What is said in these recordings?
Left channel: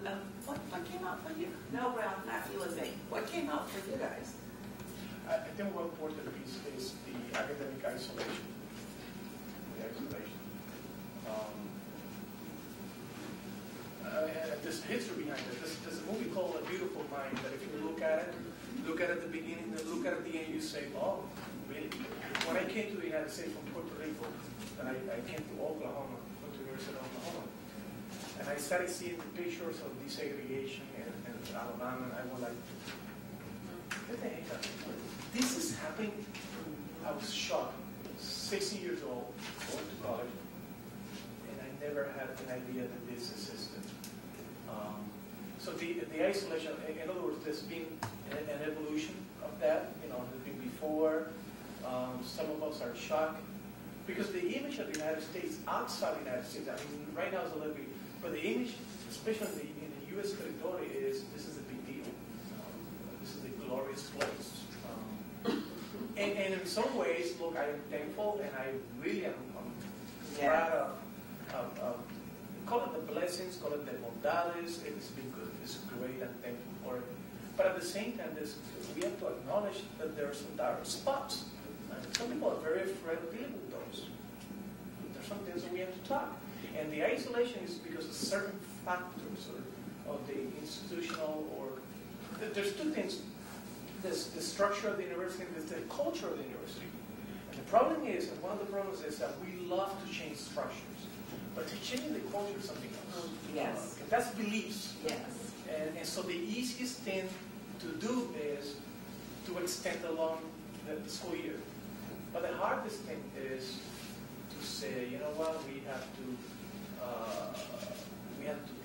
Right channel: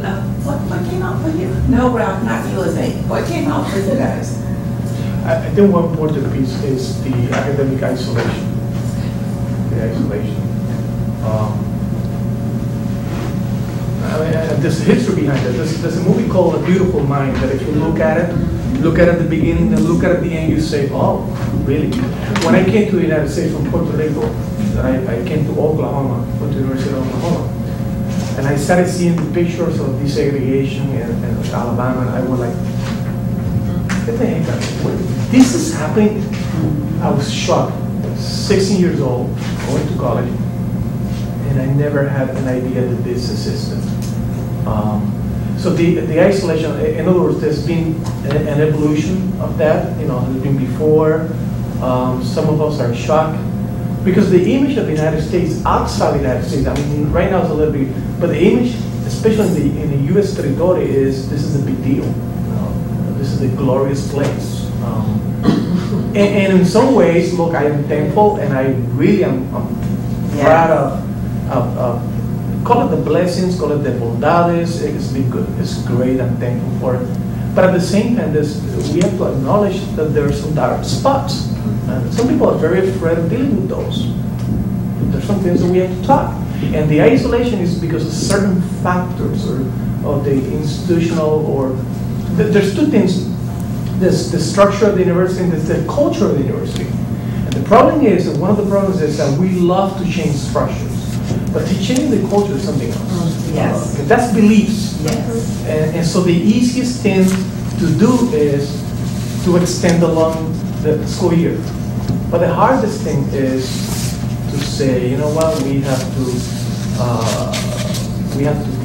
what came out for you? No, Ralph, not USA. What came out for you guys? I think one important piece is the academic isolation. The isolation. There's a history behind it. There's a movie called A Beautiful Mind that if you look at the beginning, then look at the end, you say, oh, really? When I came to the United States from Puerto Rico, I came to Oklahoma, went to the University of Oklahoma, and I started seeing the pictures of desegregation in Alabama, and I was like, get the heck out of here. This is happening. I was shocked. 16 years old, going to college, and I never had an idea that this existed. So the isolation, in other words, there's been an evolution of that. You know, there's been before. Some of us are shocked because the image of the United States outside the United States, I mean, right now it's a little bit, but the image, especially in the U.S. territory, is this is a big deal. This is a glorious place. And in some ways, look, I am thankful, and I really am proud of call it the blessings, call it the bondades. It's been good. It's great. I'm thankful for it. But at the same time, we have to acknowledge that there are some dark spots. And some people are very afraid of dealing with those. There's some things that we have to talk. And the isolation is because of certain factors or the institutional or there's two things. There's the structure of the university and there's the culture of the university. And the problem is, and one of the problems is that we love to change structures. But to change the culture is something else. Yes. That's beliefs. Yes. And so the easiest thing to do is to extend along the school year. But the hardest thing is to say, you know what, we have to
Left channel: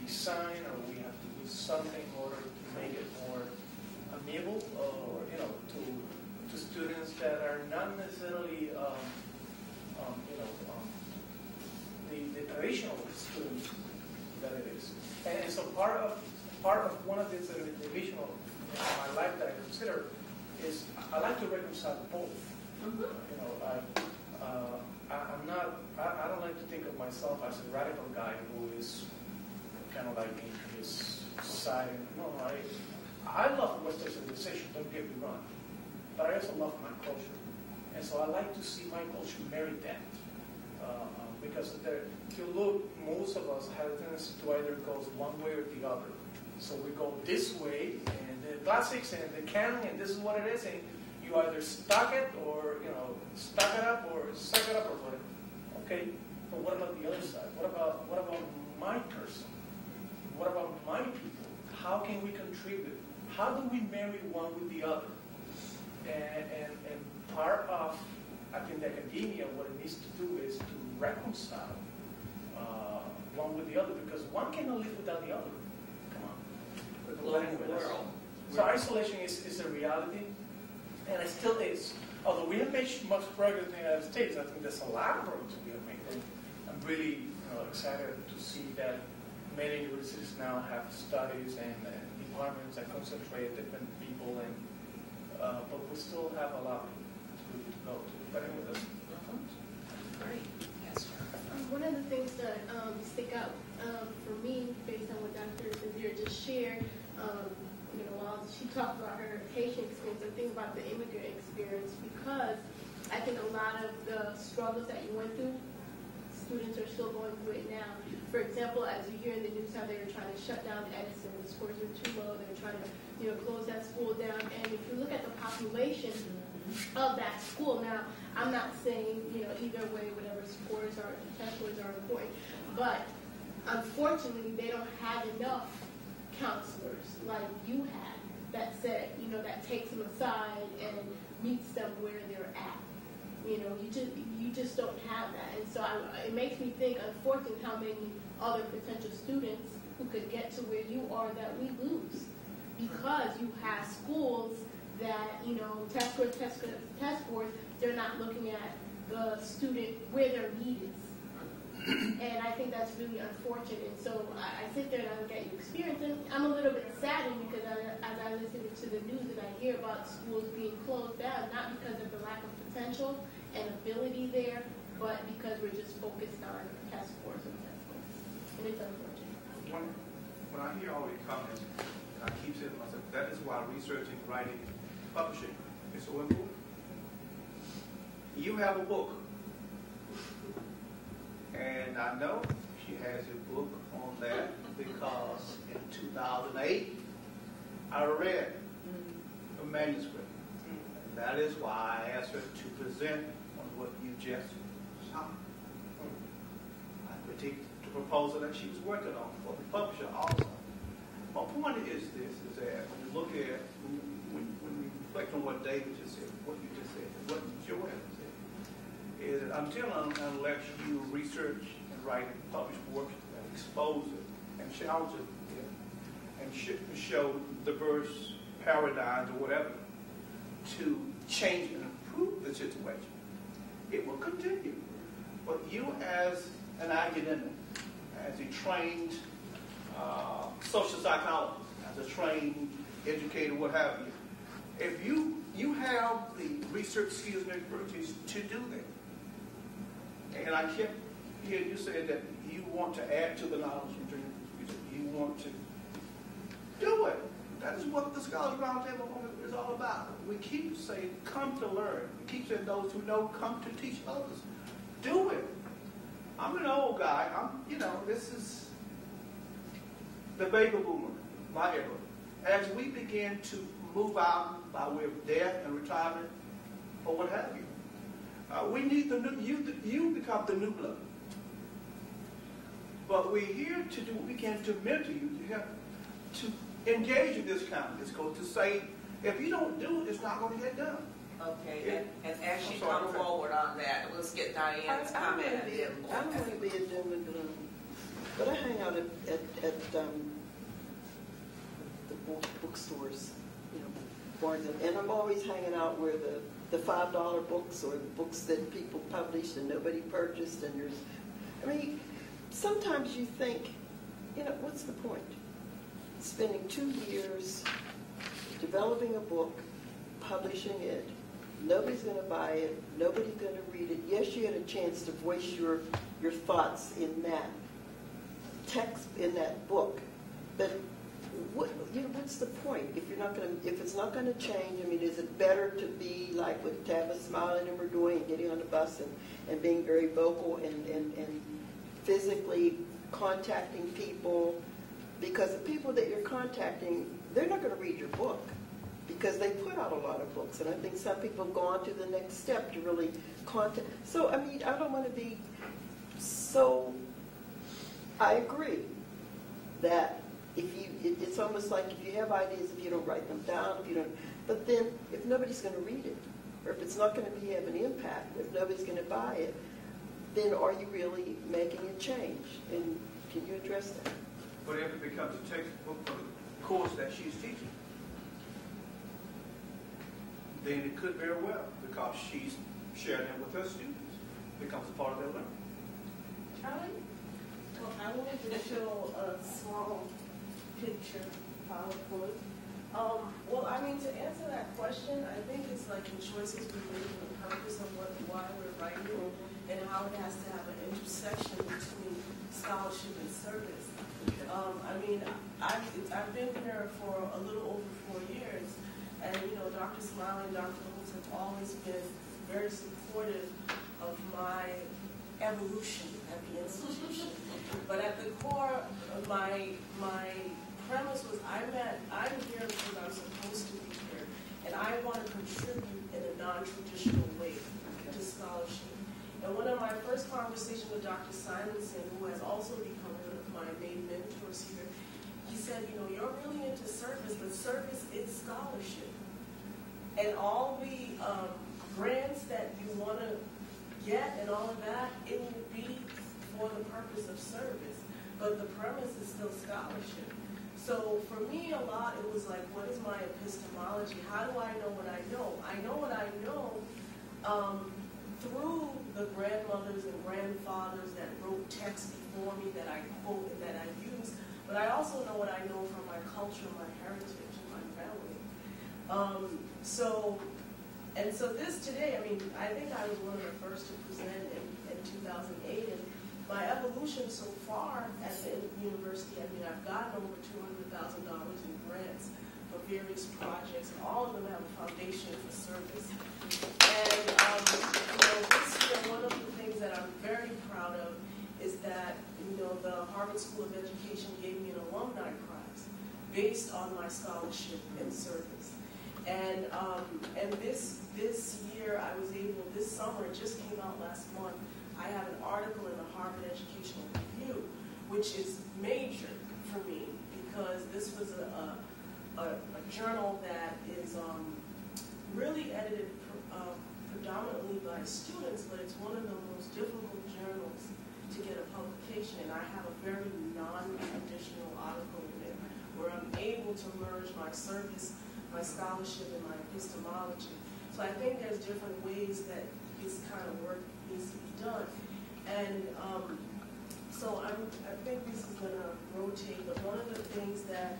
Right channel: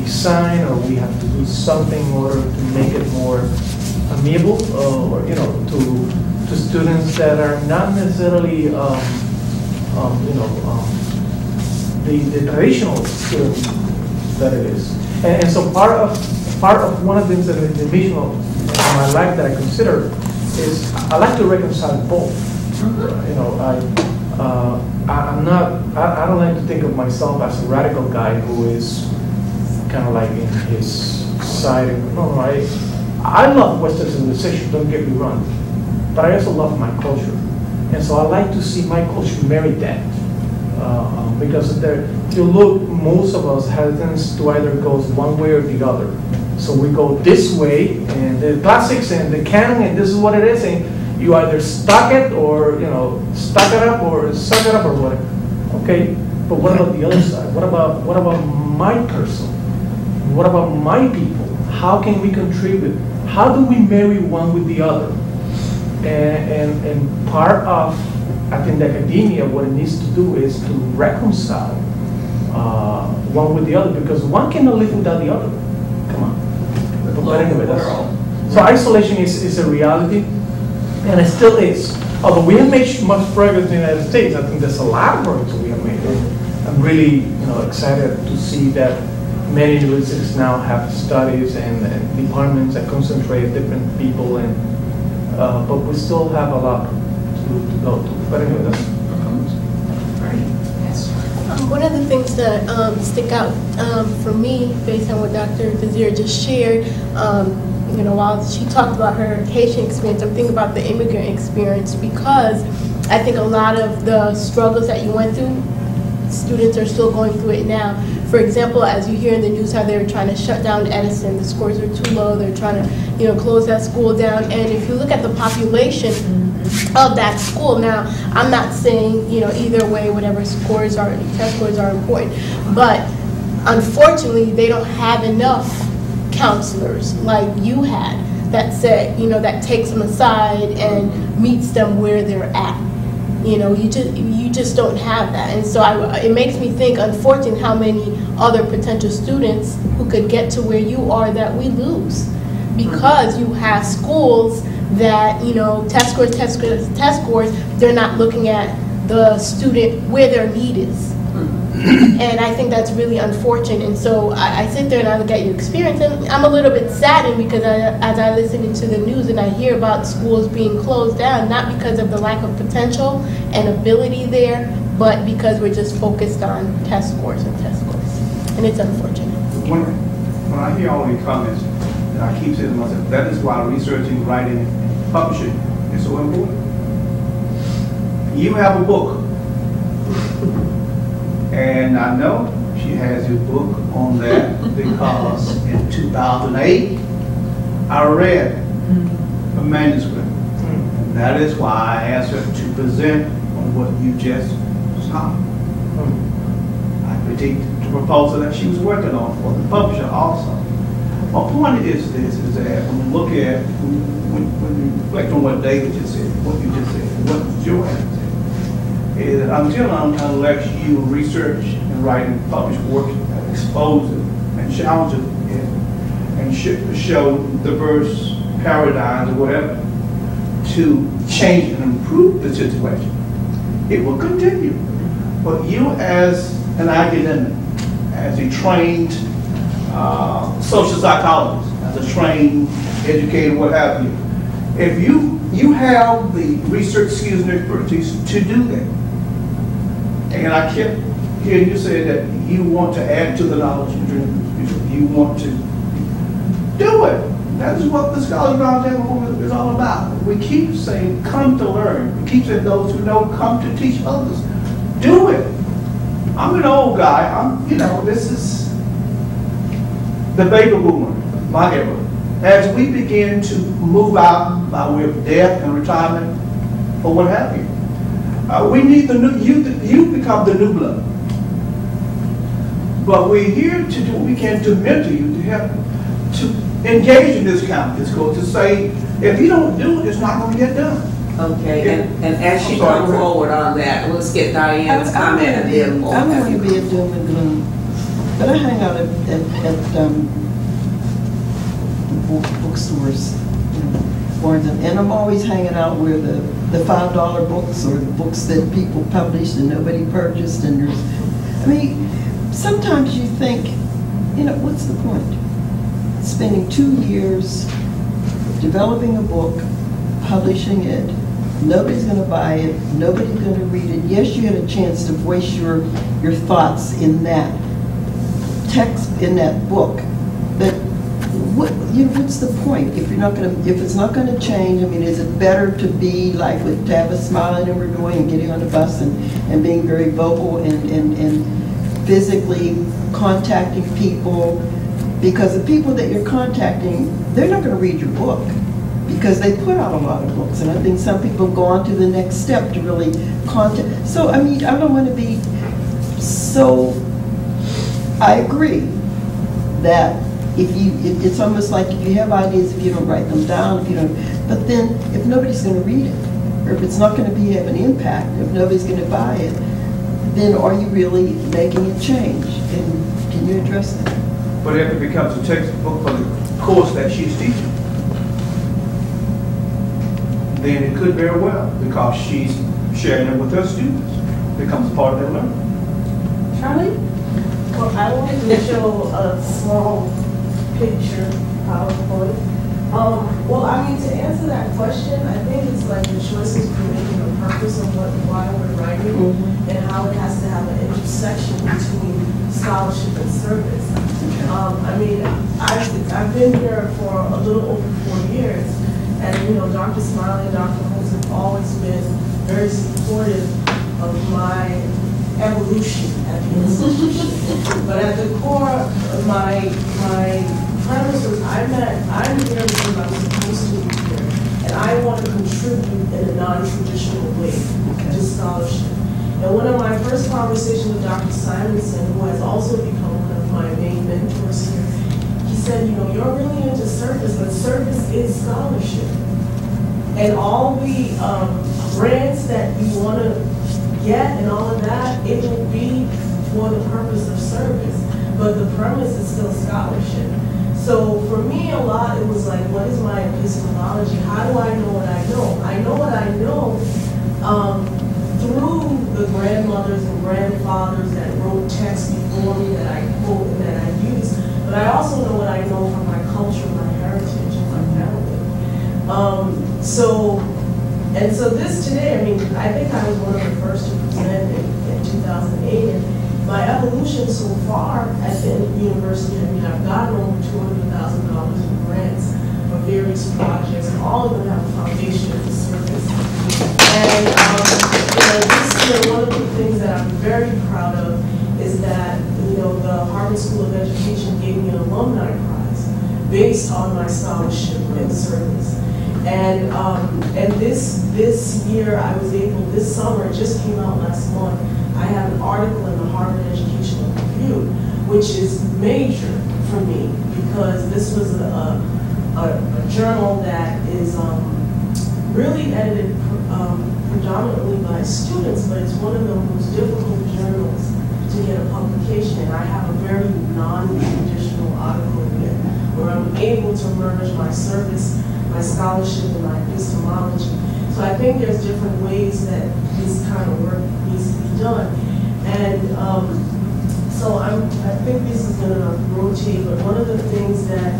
design or we have to do something in order to make it more amiable, or to students that are not necessarily, the traditional students that it is. And so part of one of the things that is the vision of my life that I consider is I like to reconcile both. I don't like to think of myself as a radical guy who is kind of like in his side. No, I love Western civilization, don't get me wrong, but I also love my culture. And so I like to see my culture marry that. Because if you look, most of us have a tendency to either go one way or the other. So we go this way, and the classics and the canon, and this is what it is, and you either stock it or, stock it up or suck it up or whatever. Okay, but what about the other side? What about my person? What about my people? How can we contribute? How do we marry one with the other? And part of, I think, the academia, what it needs to do is to reconcile one with the other, because one cannot live without the other. Come on. But anyway, so isolation is a reality, and it still is. Although we have made much progress in the United States, I think there's a lot of progress that we have made. I'm really excited to see that many universities now have studies and departments that concentrate different people, but we still have a lot to go to. But anyway, that's Right. Yes. One of the things that stick out for me, based on what Dr. Desir just shared, while she talked about her Haitian experience, I'm thinking about the immigrant experience, because I think a lot of the struggles that you went through, students are still going through it now. For example, as you hear in the news how they're trying to shut down Edison, the scores are too low, they're trying to close that school down. And if you look at the population of that school, now I'm not saying either way, whatever scores are, test scores are important, but unfortunately they don't have enough counselors like you had that said, that takes them aside and meets them where they're at. You just don't have that. And so it makes me think, unfortunately, how many other potential students who could get to where you are that we lose, because you have schools that, test scores, they're not looking at the student where their need is. And I think that's really unfortunate. And so I sit there and I look at your experience, and I'm a little bit saddened because as I listen into the news and I hear about schools being closed down, not because of the lack of potential and ability there, but because we're just focused on test scores and test scores. And it's unfortunate. One when I hear all these comments, and I keep saying to myself, that is why researching, writing, and publishing is so important. You have a book, and I know she has your book on that because in 2008, I read a manuscript. And that is why I asked her to present on what you just saw. I critiqued the proposal that she was working on for the publisher also. My point is this, is that when you look at, when you reflect on what David just said, what you just said, what Joanne said, is that until unless you research and write and publish work that expose it and challenge it and show diverse paradigms or whatever to change and improve the situation, it will continue. But you as an academic, as a trained social psychologist, as a trained educator, what have you, if you have the research skills and expertise to do that, and I kept hearing you say that you want to add to the knowledge, you want to do it. That is what the Scholars Roundtable is all about. We keep saying, come to learn. We keep saying, those who know, come to teach others. Do it. I'm an old guy. This is the baby boomer, my era. As we begin to move out by way of death and retirement, or what have you, we need the new youth. You become the new blood. But we're here to do what we can to mentor you, to help, to engage in this kind of discourse, to say, if you don't do it, it's not going to get done. Okay, and as she comes forward on that, let's get Diane's comment and then we'll I'm have going to you. be a doom and gloom, but I hang out at bookstores, and I'm always hanging out where the $5 books or the books that people published and nobody purchased, and sometimes you think, what's the point? Spending 2 years developing a book, publishing it, nobody's going to buy it, nobody's going to read it. Yes, you had a chance to voice your thoughts in that text, in that book, but what's the point if it's not going to change? Is it better to be like with Tabitha smiling and we're doing and getting on the bus and being very vocal and physically contacting people? Because the people that you're contacting, they're not going to read your book because they put out a lot of books. And I think some people go on to the next step to really contact. So, I don't want to be so, I agree that it's almost like if you have ideas, if you don't write them down, but then if nobody's going to read it, or if it's not going to have an impact, if nobody's going to buy it, then are you really making a change? And can you address that? But if it becomes a textbook for the course that she's teaching, then it could very well, because she's sharing it with her students, becomes part of their learning. Charlie? Well, I wanted to show a small picture, PowerPoint. To answer that question, I think it's like the choices we make and the purpose of why we're writing, and how it has to have an intersection between scholarship and service. I've been here for a little over 4 years, and Dr. Smiley and Dr. Holmes have always been very supportive of my evolution at the institution. But at the core of my premise was I'm here because I'm supposed to be here, and I want to contribute in a non-traditional way to scholarship. And one of my first conversations with Dr. Simonson, who has also become one of my main mentors here, he said, you're really into service, but service is scholarship. And all the grants that you want to get and all of that, it will be for the purpose of service. But the premise is still scholarship. So for me, a lot, it was like, what is my epistemology? How do I know what I know? I know what I know through the grandmothers and grandfathers that wrote texts before me that I quote and that I use. But I also know what I know from my culture, my heritage, and my family. So this today, I think I was one of the first to present in 2008. And my evolution so far at the university, we have gotten over $200,000 in grants for various projects, and all of them have a foundation as a service. And this year, one of the things that I'm very proud of is that the Harvard School of Education gave me an alumni prize based on my scholarship and service. And this year I was able, this summer, it just came out last month, I have an article in the Harvard Educational Review, which is major for me because this was a journal that is really edited predominantly by students, but it's one of the most difficult journals to get a publication, and I have a very non-traditional article there where I'm able to merge my service, my scholarship, and my epistemology. So I think there's different ways that this kind of work needs to be done. And so I think this is going to rotate, but one of the things that,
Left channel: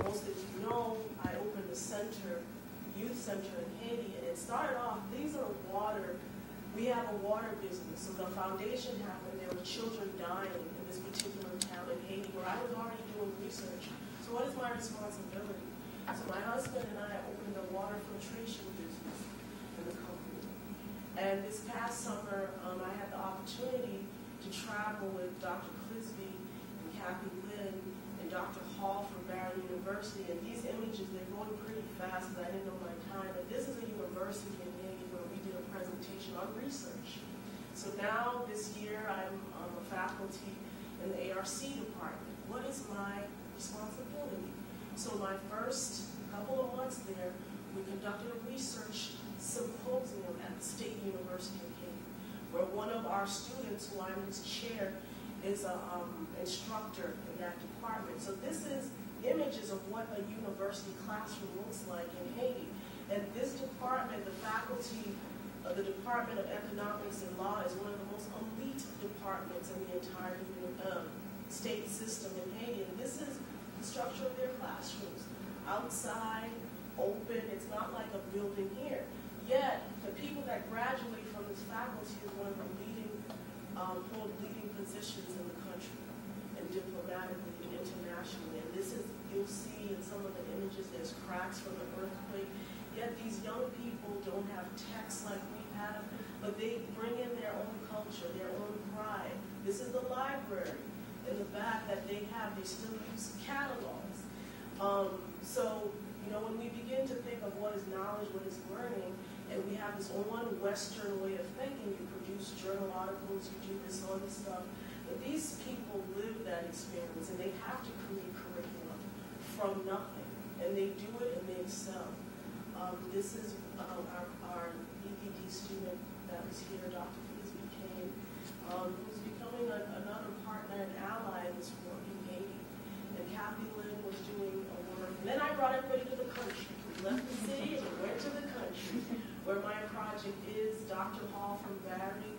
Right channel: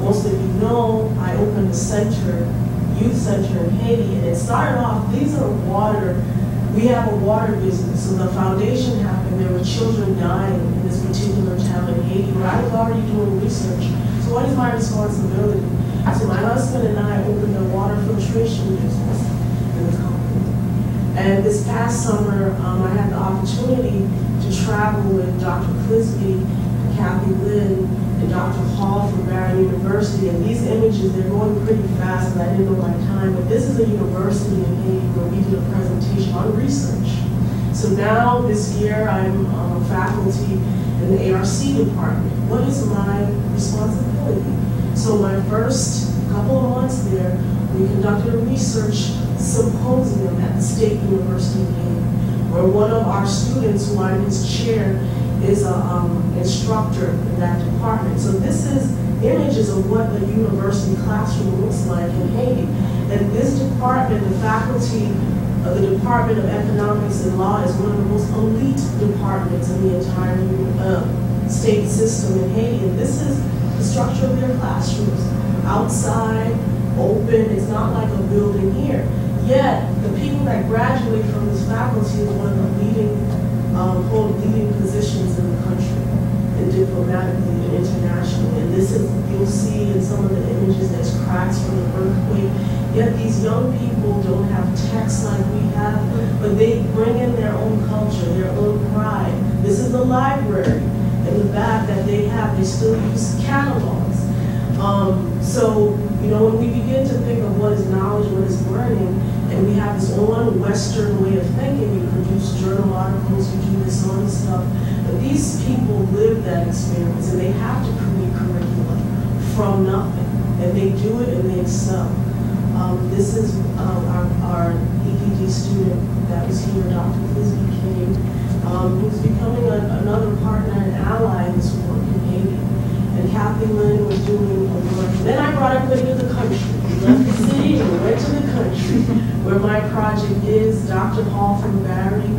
most of you know, I opened a center, youth center in Haiti, and it started off, we have a water business, so the foundation happened, there were children dying in this particular town in Haiti, where I was already doing research. So what is my responsibility? So my husband and I opened a water filtration business in the company. And this past summer, I had the opportunity to travel with Dr. Clisby, Kathy Lynn, and Dr. Hall from Barron University. And these images, they're going pretty fast, and I didn't know my time, but this is a university in Haiti where we did a presentation on research. So now, this year, I'm faculty in the ARC department. What is my responsibility? So my first couple of months there, we conducted a research symposium at the State University of Haiti, where one of our students, who I'm his chair, is an instructor in that department. So this is images of what the university classroom looks like in Haiti. And this department, the faculty of the Department of Economics and Law, is one of the most elite departments in the entire state system in Haiti. And this is the structure of their classrooms. Outside, open, it's not like a building here. Yet, the people that graduate from this faculty is one of the hold leading positions in the country, and diplomatically and internationally. And this is, you'll see in some of the images, there's cracks from the earthquake. Yet these young people don't have texts like we have, but they bring in their own culture, their own pride. This is the library in the back that they have. They still use catalogs. So, when we begin to think of what is knowledge, what is learning, and we have this one Western way of thinking, we produce journal articles, we do this all this stuff, but these people live that experience, and they have to create curriculum from nothing, and they do it and they excel. This is our EPD student that was here, Dr. Clisby came, who's becoming another partner and ally in this work in Haiti. And Kathy Lynn was doing a work. Then I brought everybody to the country. We left the city and we went to the country, where my project is. Dr. Hall from Barry.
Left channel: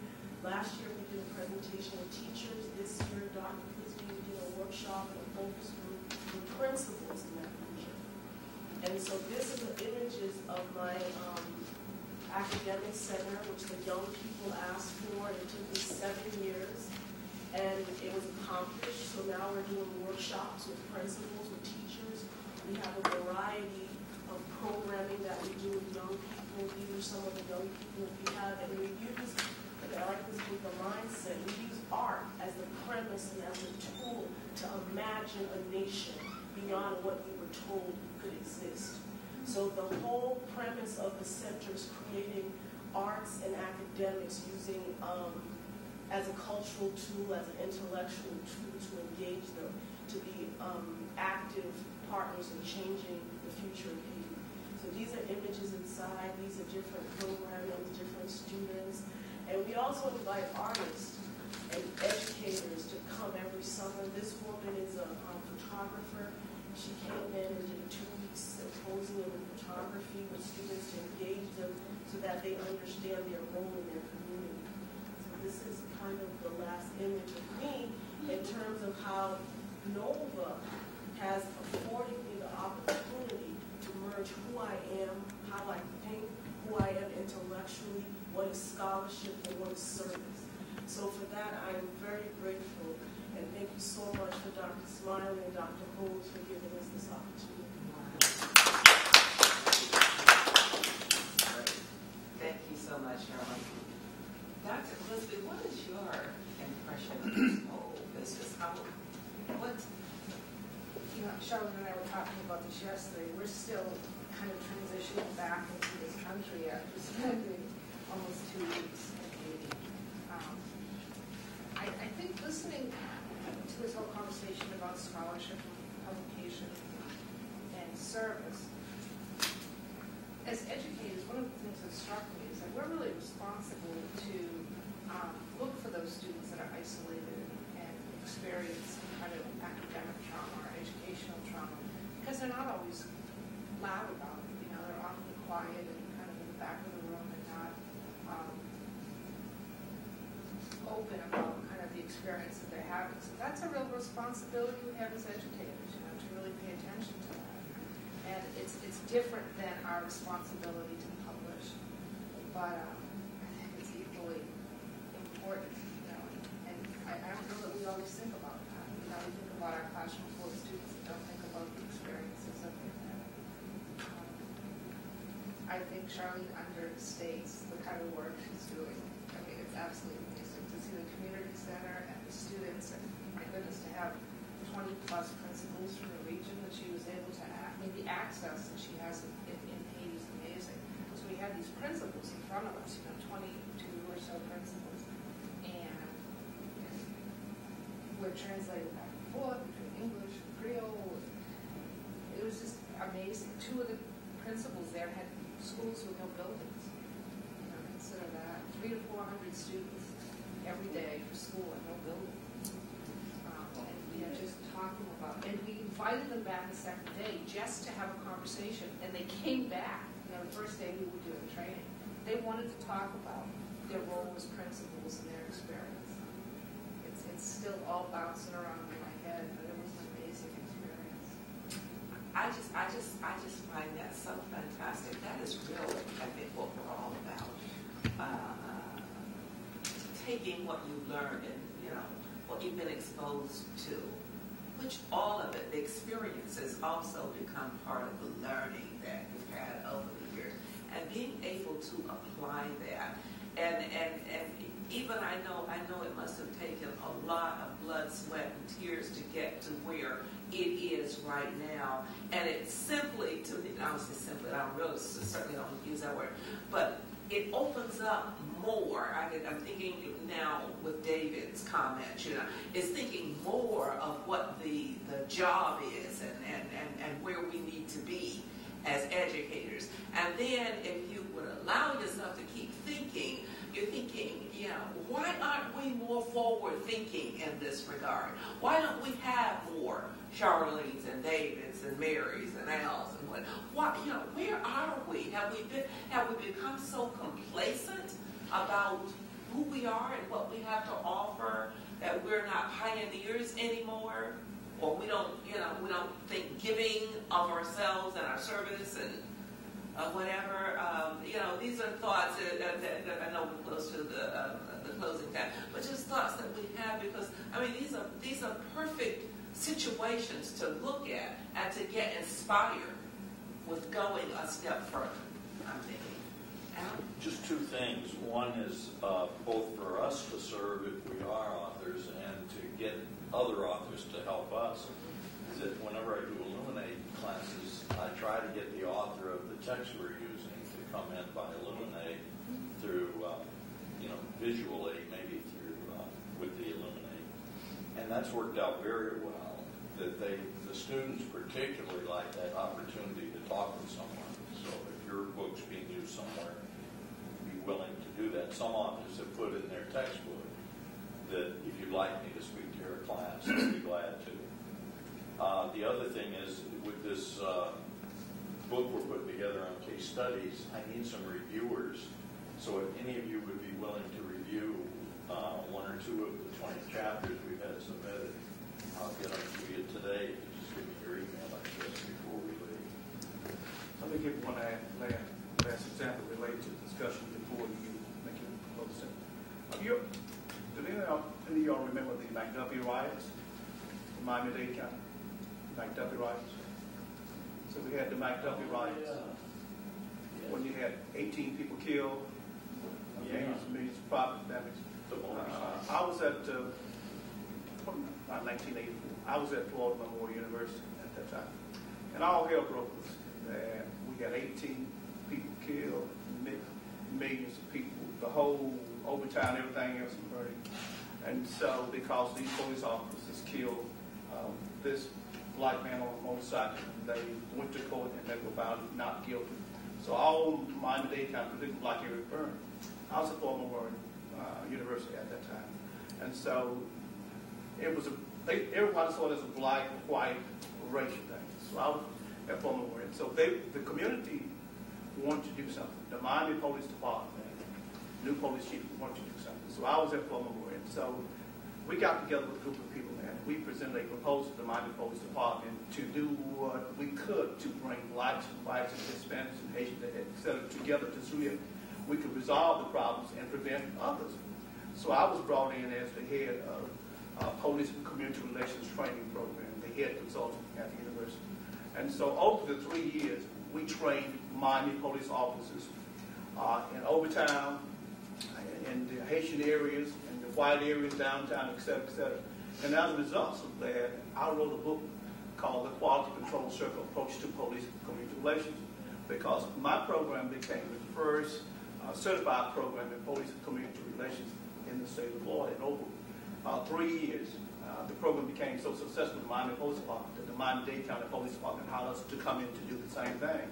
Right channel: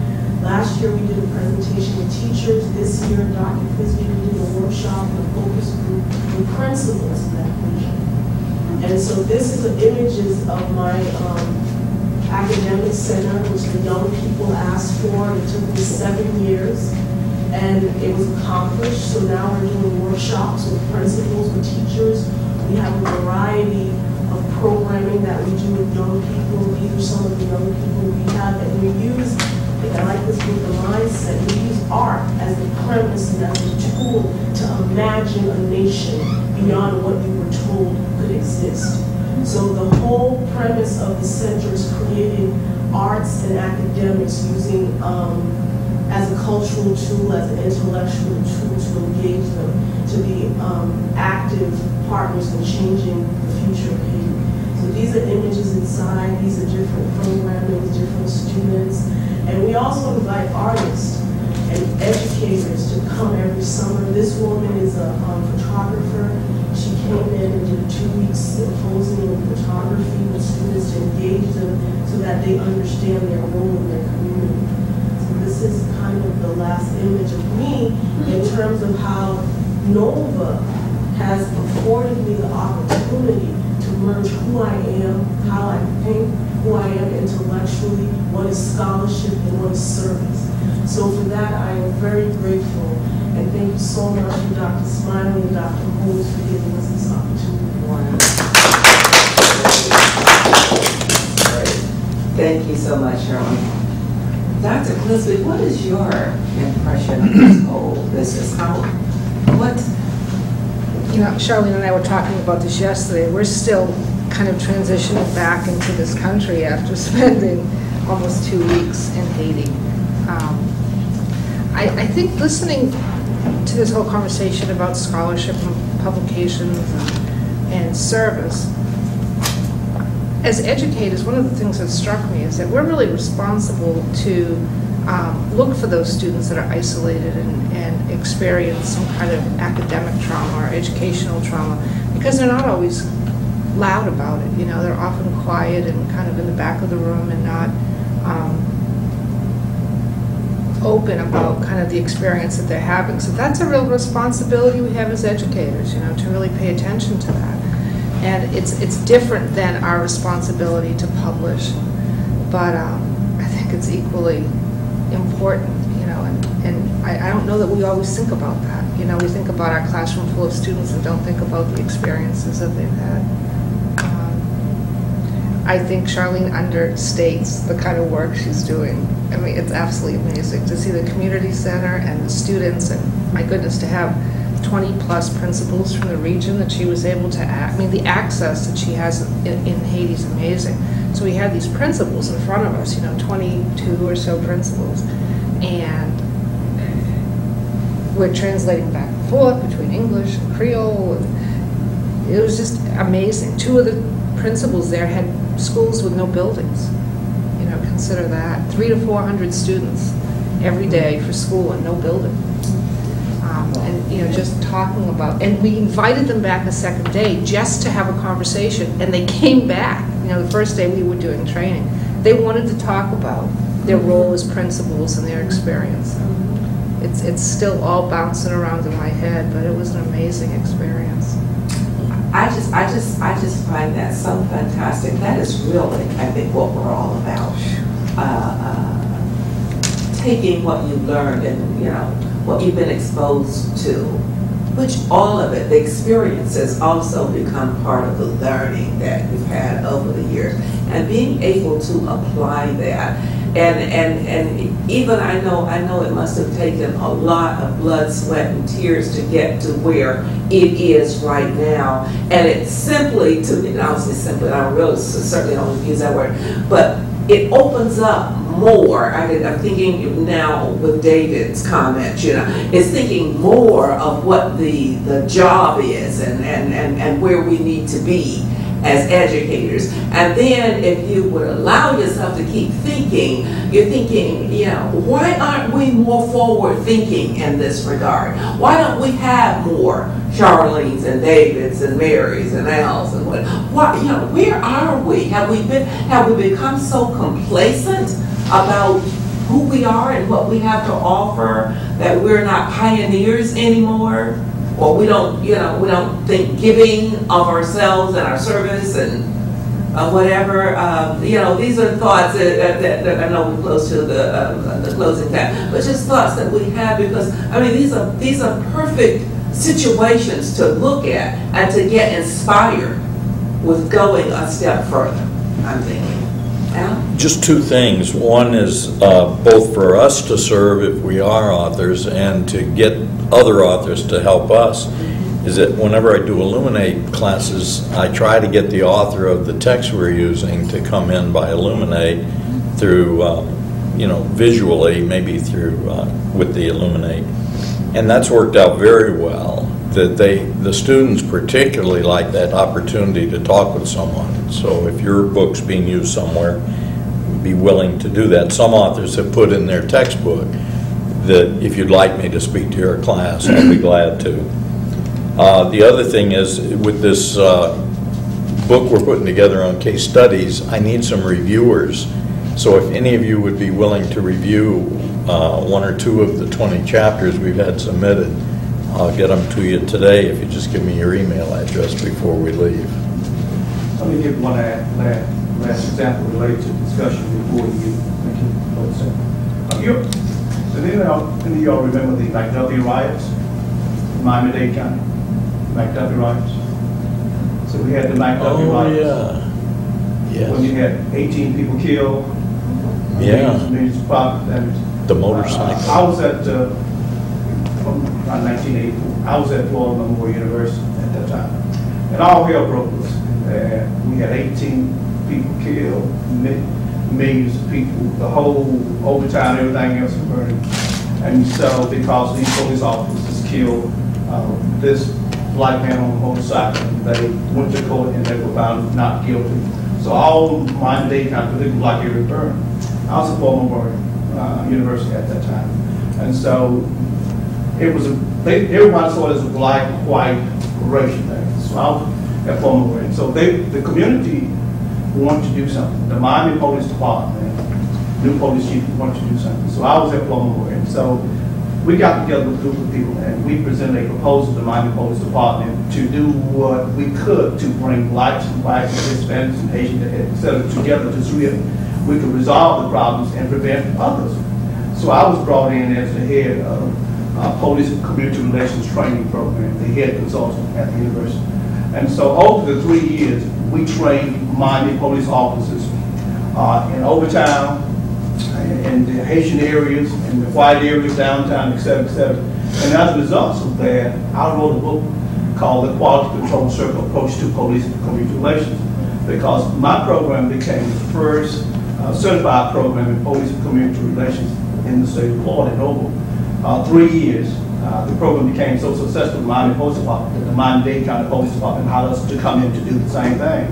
Last year we did a presentation with teachers. This year, Dr. Clisby, we did a workshop with a focus group with principals of that vision. And so this is the images of my academic center, which the young people asked for. It took me 7 years. And it was accomplished, so now we're doing workshops with principals, with teachers. We have a variety of programming that we do with young people. These are some of the young people we have, and we use, I like this with the mindset, we use art as the premise and as a tool to imagine a nation beyond what you were told could exist. So the whole premise of the center is creating arts and academics using as a cultural tool, as an intellectual tool to engage them, to be active partners in changing the future of Haiti. So these are images inside, these are different programming, different students. And we also invite artists and educators to come every summer. This woman is a photographer. She came in and did a 2-week symposium in photography with students to engage them so that they understand their role in their community. This is kind of the last image of me in terms of how NOVA has afforded me the opportunity to merge who I am, how I think, who I am intellectually, what is scholarship, and what is service. So for that, I am very grateful. And thank you so much to Dr. Smiley and Dr. Holmes for giving us this opportunity. Thank you so much, Shirley. Dr. Clisby, what is your impression of this whole business? You know, Charlene and I were talking about this yesterday. We're still kind of transitioning back into this country after spending almost 2 weeks in Haiti. I think listening to this whole conversation about scholarship and publications and service, as educators, one of the things that struck me is that we're really responsible to look for those students that are isolated and experience some kind of academic trauma or educational trauma, because they're not always loud about it. You know, they're often quiet and kind of in the back of the room and not open about kind of the experience that they're having. So that's a real responsibility we have as educators, you know, to really pay attention to that. And it's different than our responsibility to publish, but I think it's equally important, you know, and I don't know that we always think about that. You know, we think about our classroom full of students and don't think about the experiences that they've had. I think Charlene understates the kind of work she's doing. I mean, it's absolutely amazing to see the community center and the students, and my goodness, to have 20+ principals from the region that she was able to I mean, the access that she has in Haiti is amazing. So we had these principals in front of us, you know, 22 or so principals, and we're translating back and forth between English and Creole. And it was just amazing. 2 of the principals there had schools with no buildings. You know, consider that. 300 to 400 students every day for school and no building. And, you know, just talking about, and we invited them back a second day just to have a conversation, and they came back. You know, the first day we were doing training, they wanted to talk about their role as principals and their experience. It's still all bouncing around in my head, but it was an amazing experience. I just find that so fantastic. That is really, I think, what we're all about. Taking what you learned and, you know, what you've been exposed to, which all of it, the experiences also become part of the learning that we've had over the years, and being able to apply that. And even I know it must have taken a lot of blood, sweat, and tears to get to where it is right now. And it's simply, to me, and I'll say simply, I don't really, certainly don't use that word, but it opens up more. I'm thinking now with David's comments, you know, it's thinking more of what the job is and where we need to be as educators. And then if you would allow yourself to keep thinking, you're thinking, you know, why aren't we more forward thinking in this regard? Why don't we have more Charlene's and David's and Mary's and Al's and what? Why, you know, where are we? Have we become so complacent about who we are and what we have to offer that we're not pioneers anymore? Or we don't, you know, we don't think giving of ourselves and our service and whatever. You know, these are thoughts that I know we're close to the closing time, but just thoughts that we have, because I mean these are perfect situations to look at and to get inspired with going a step further, I'm thinking. Al? Just 2 things. One is both for us to serve if we are authors and to get other authors to help us, is that whenever I do Illuminate classes, I try to get the author of the text we're using to come in by Illuminate through, you know, visually, maybe through, with the Illuminate. And that's worked out very well. That the students particularly like that opportunity to talk with someone. So if your book's being used somewhere, be willing to do that. Some authors have put in their textbook that if you'd like me to speak to your class, I'll be glad to. The other thing is, with this book we're putting together on case studies, I need some reviewers. So if any of you would be willing to review 1 or 2 of the 20 chapters we've had submitted, I'll get them to you today if you just give me your email address before we leave. Let me give one last example related to discussion before you continue. And then any of y'all remember the McDuffie riots in Miami-Dade County? McDuffie riots. So we had the McDuffie riots. Yeah. When you had 18 people killed. Yeah. Millions of property damage. The motorcycle. I was at, from 1984, I was at Florida Memorial University at that time. And all hell broke loose. We had 18 people killed, millions of people, the whole overtime, everything else was burning. And so because these police officers killed this black man on a motorcycle, they went to court and they were found not guilty. So all Miami-Dade County, particularly black area, burned. I was at Florida Memorial University at that time. And so it was everybody saw it as a black-white racial thing. So I was at Florida Memorial. So the community wanted to do something. The Miami Police Department, new police chief, wanted to do something. So I was at Florida Memorial. So we got together with a group of people and we presented a proposal to the Miami Police Department to do what we could to bring blacks and whites and Hispanics and Asians, et cetera, together to see if we could resolve the problems and prevent others. So I was brought in as the head of Police and Community Relations Training Program, the head consultant at the university. And so over the 3 years, we trained Miami police officers in Overtown, in the Haitian areas, in the white areas, downtown, et cetera, et cetera. And as a result of that, I wrote a book called The Quality Control Circle Approach to Police and Community Relations, because my program became the first certified program in police and community relations in the state of Florida. In over 3 years, the program became so successful, the Miami Police Department, that the Miami-Dade County Police Department hired us to come in to do the same thing.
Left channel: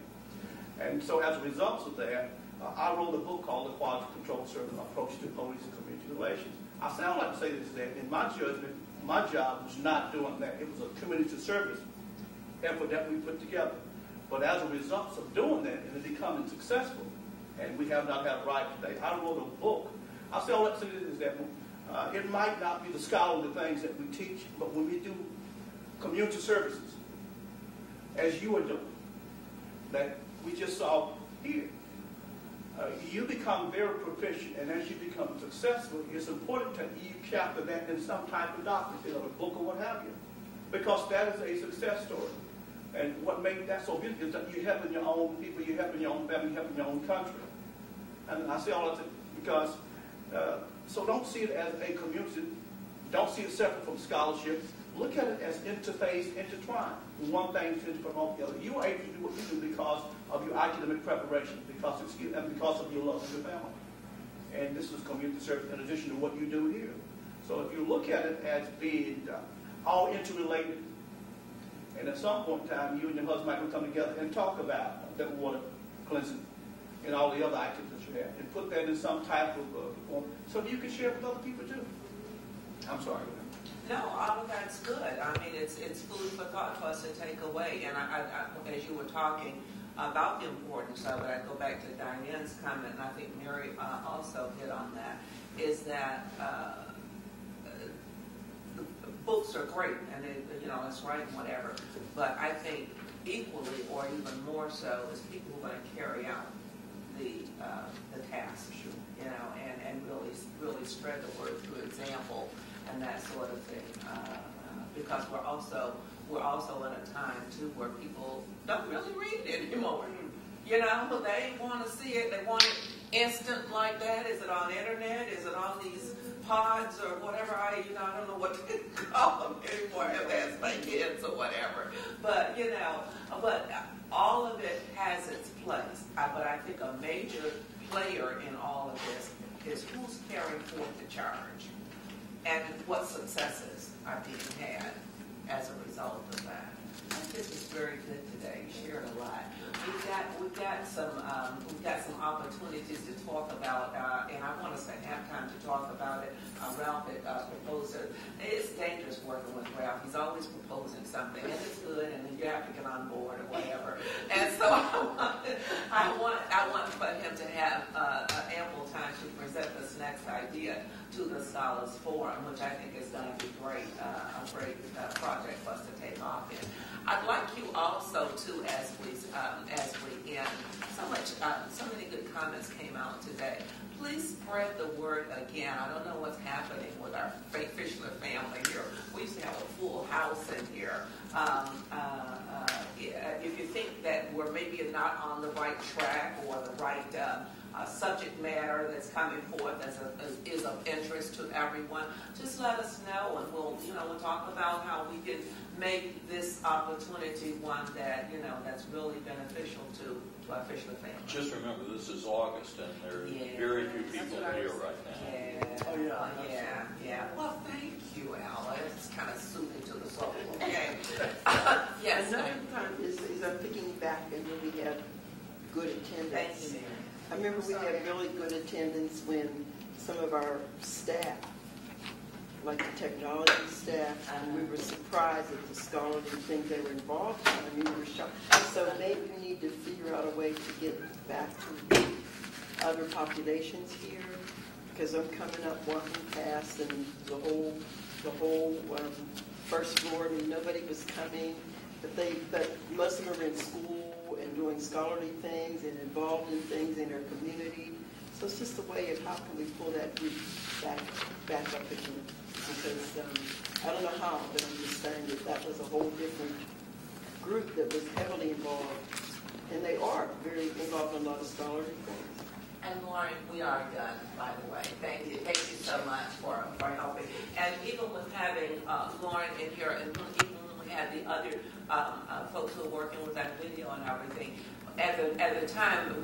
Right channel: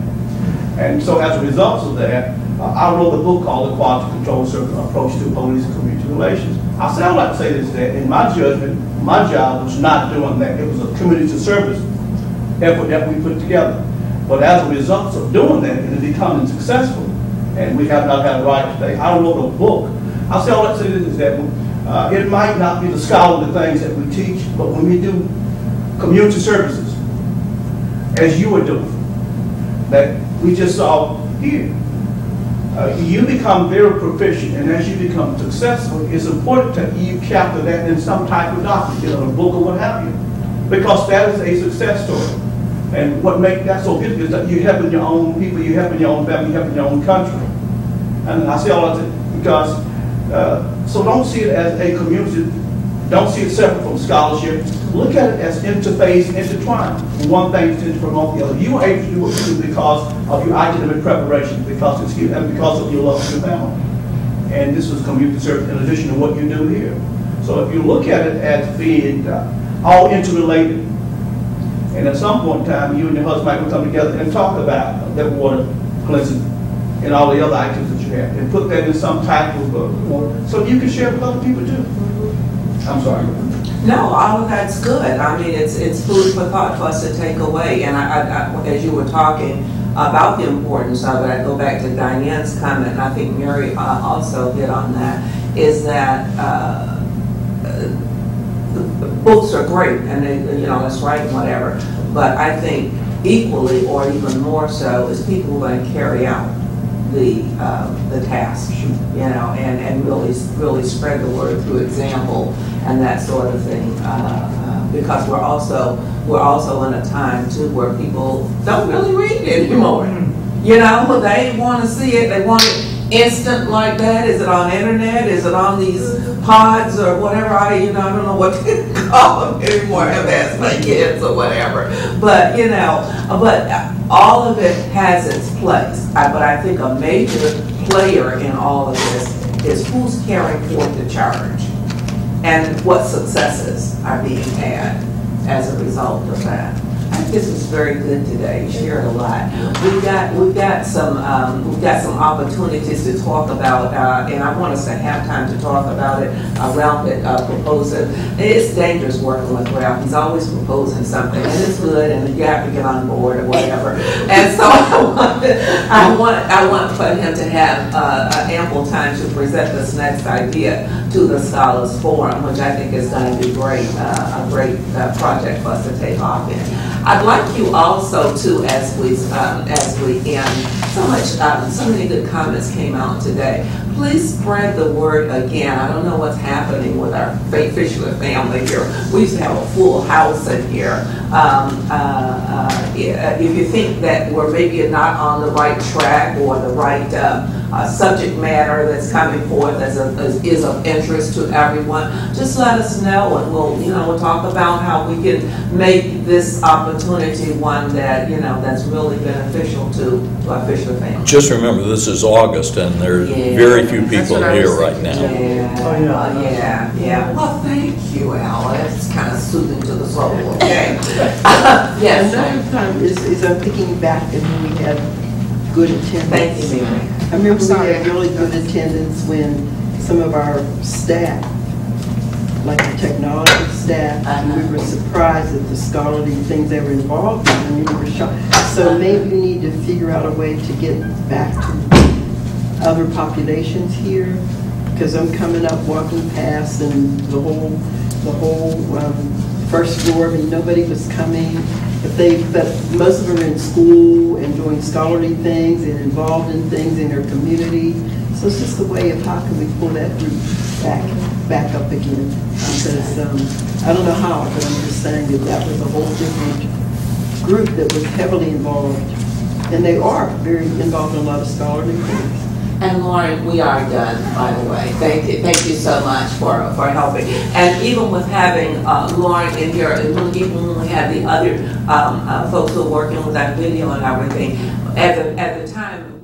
And so as a result of that, I wrote a book called The Quality Control Circle Approach to Police and Community Relations. I would like to say this, that in my judgment, my job was not doing that. It was a community service effort that we put together. But as a result of doing that, it is becoming successful. And we have not had a right today. I wrote a book. I would like to say this, is that it might not be the scholarly things that we teach, but when we do community services, as you were doing, that we just saw here, you become very proficient, and as you become successful, it's important that you capture that in some type of document, a book or what have you, because that is a success story. And what makes that so good is that you're helping your own people, you're helping your own family, you're helping your own country. And I say all that because, so don't see it as a community, don't see it separate from scholarship. Look at it as interface, intertwined. One thing is to promote the other. You were able to do what you do because of your academic preparation, because of your love for your family. And this was community service in addition to what you do here. So if you look at it as being all interrelated, and at some point in time, you and your husband might come together and talk about that water cleansing and all the other items that you have, and put that in some type of so you can share with other people too. I'm sorry. No, all of that's good. I mean, it's food for thought for us to take away. And I, as you were talking about the importance of it, I go back to Diane's comment, and I think Mary also hit on that, is that books are great, and they, let's write and whatever. But I think equally, or even more so, is people who are going to carry out the task, and really spread the word through example and that sort of thing. Because we're also in a time too where people don't really read anymore. They want to see it. They want it instant like that. Is it on internet? Is it on these pods or whatever? I don't know what to call them anymore. MS my kids or whatever. But but all of it has its place. But I think a major player in all of this is who's carrying forth the charge and what successes are being had as a result of that. I think this was very good today. You shared a lot. We've got some opportunities to talk about, and I want us to have time to talk about it. Ralph proposing. It's dangerous working with Ralph. He's always proposing something, and it's good, and you have to get on board or whatever. And so I want for him to have ample time to present this next idea to the Scholars Forum, which I think is going to be great, a great project for us to take off in. I'd like you also to, as we end, so many good comments came out today. Please spread the word again. I don't know what's happening with our Fisher family here. We used to have a full house in here. If you think that we're maybe not on the right track or the right subject matter that's coming forth is of interest to everyone, just let us know, and we'll talk about how we can make this opportunity one that that's really beneficial to our Fisher family. Just remember, this is August, and there's very few people here right now. Yeah. Well, thank you, Al. That's kind of soothing to the soul. Okay. Yes. Another time is I'm thinking back and when we had good attendance. Thank you, Mary. I remember we had really good attendance when some of our staff, like the technology staff, and we were surprised at the scholarly things they were involved in. I mean, we were shocked. So maybe we need to figure out a way to get back to other populations here, because I'm coming up, walking past, and the whole first floor. I mean, nobody was coming. But most of them are in school and doing scholarly things and involved in things in their community. So it's just a way of how can we pull that group back up again. Because I don't know how, but I'm just saying that was a whole different group that was heavily involved. And they are very involved in a lot of scholarly things. And Lauren, we are done, by the way. Thank you so much for helping. And even with having Lauren in here, and even when we had the other folks who are working with that video and everything, at the time